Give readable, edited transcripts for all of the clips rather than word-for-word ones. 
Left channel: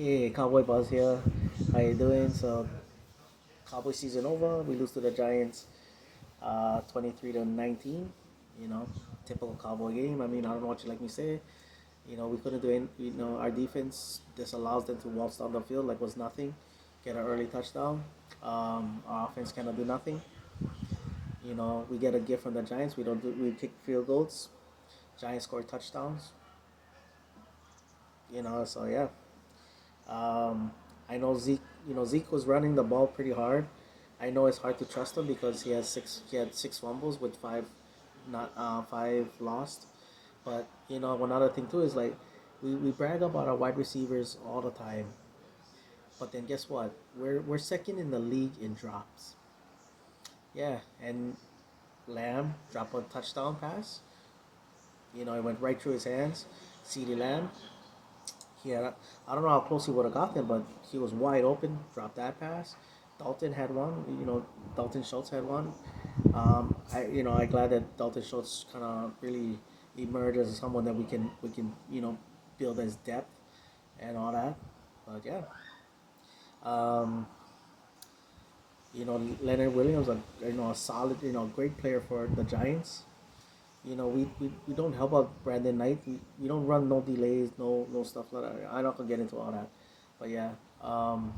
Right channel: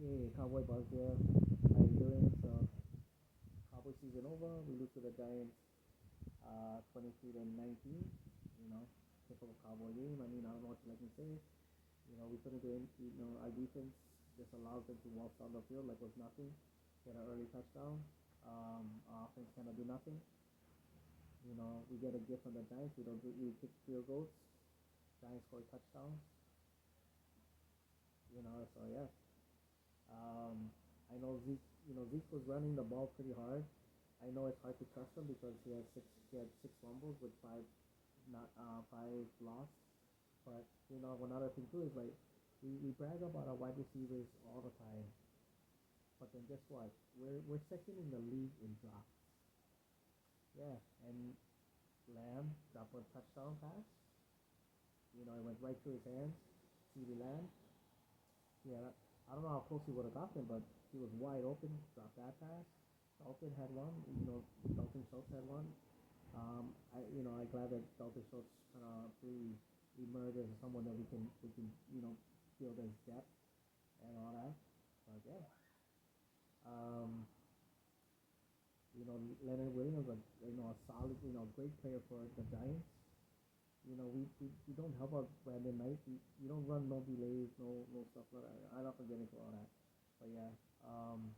Hey, Cowboy Buzz here. How you doing? So, Cowboy season over. We lose to the Giants, 23 to 19. You know, typical Cowboy game. I mean, I don't know what you like me say. We couldn't do any. Our defense just allows them to waltz down the field like was nothing, get an early touchdown. Our offense cannot do nothing. We get a gift from the Giants. We don't do. We kick field goals. Giants score touchdowns. So yeah. Um, I know Zeke. Zeke was running the ball pretty hard. I know it's hard to trust him because he had six fumbles with five lost. But one other thing too is like we brag about our wide receivers all the time. But then guess what? We're second in the league in drops. Yeah, and Lamb dropped a touchdown pass. It went right through his hands. CeeDee Lamb. I don't know how close he would have gotten, but he was wide open. Dropped that pass. Dalton had one. Dalton Schultz had one. I'm glad that Dalton Schultz kind of really emerged as someone that we can build as depth and all that. But yeah, um, Leonard Williams, a solid, great player for the Giants. We don't help out Brandon Knight. We don't run no delays, no stuff like that. I'm not gonna get into all that, but yeah, um,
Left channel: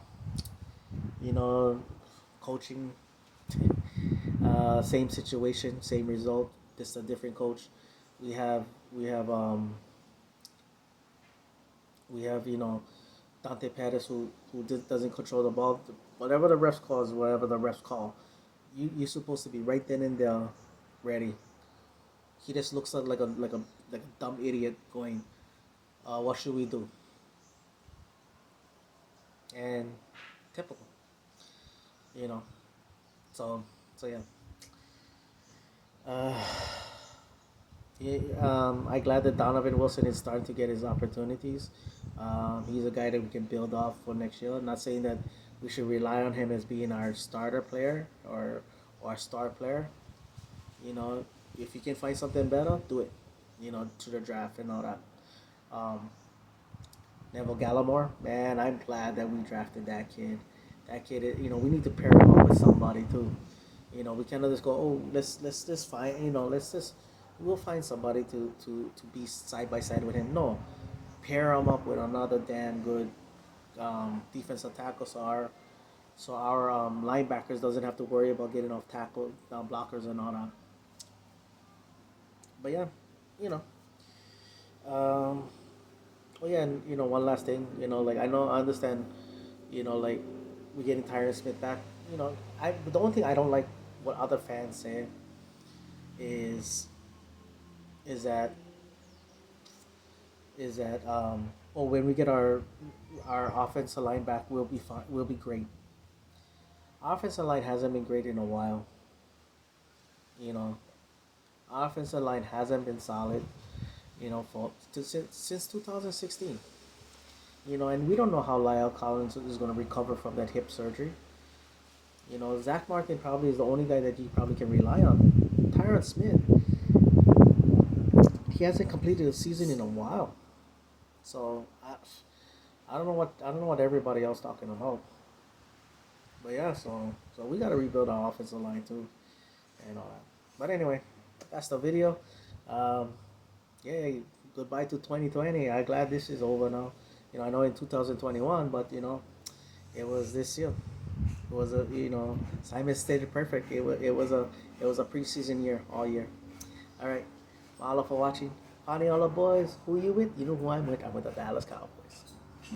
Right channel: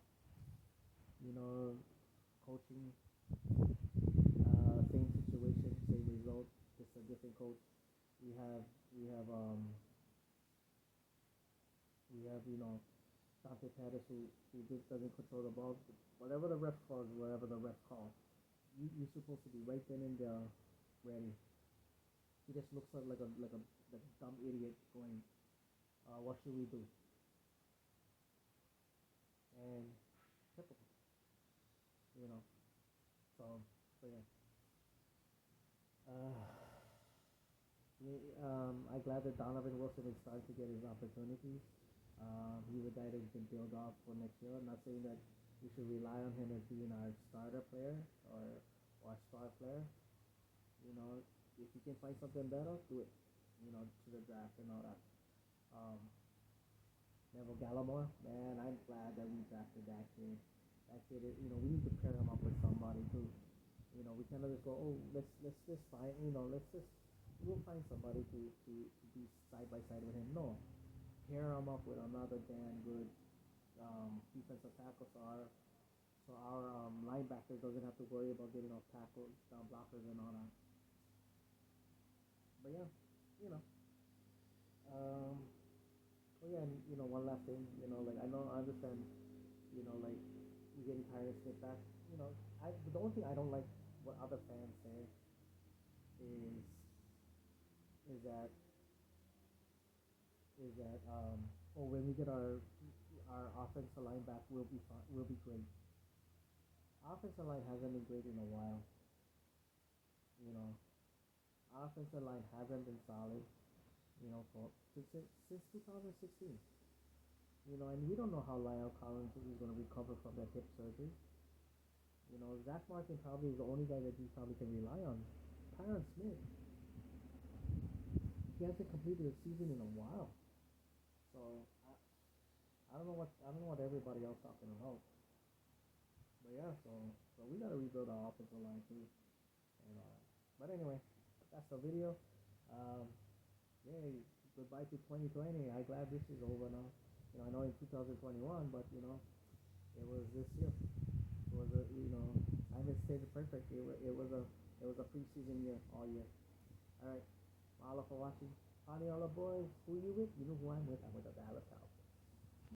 you know, coaching, same situation, same result. Just a different coach. We have we have um we have Dante Pettis who doesn't control the ball. Whatever the refs calls, whatever the refs call, you're supposed to be right then and there, ready. He just looks like a dumb idiot going, what should we do? And typical, you know. So so yeah. Uh, yeah, I'm glad that Donovan Wilson is starting to get his opportunities. He's a guy that we can build off for next year. I'm not saying that we should rely on him as being our starter player or star player. You know, if you can find something better, do it. To the draft and all that. Um, Neville Gallimore, man, I'm glad that we drafted that kid. That kid, we need to pair him up with somebody too. We cannot just go, oh, let's just find, we'll find somebody to be side by side with him. No, pair him up with another damn good defensive tackle, so our linebackers doesn't have to worry about getting off tackle blockers and all that. But yeah, you know, um, oh yeah, and one last thing, like I understand, like we're getting Tyron Smith back. But the only thing I don't like what other fans say is is that oh, when we get our offensive line back, we'll be fine. We'll be great. Offensive line hasn't been great in a while. You know, offensive line hasn't been solid. Since 2016. And we don't know how Lyle Collins is going to recover from that hip surgery. Zach Martin probably is the only guy that you probably can rely on. Tyron Smith, he hasn't completed a season in a while. So I don't know what everybody else talking about. But yeah, so we gotta rebuild our offensive line too and all that. But anyway, that's the video. Um, yeah, goodbye to 2020. I'm glad this is over now. I know in 2021, but it was this year. It was a Simon stated perfect. It was a preseason year all year. All right, mahalo for watching. Honey, all the boys. Who you with? You know who I'm with. I'm with the Dallas Cowboys.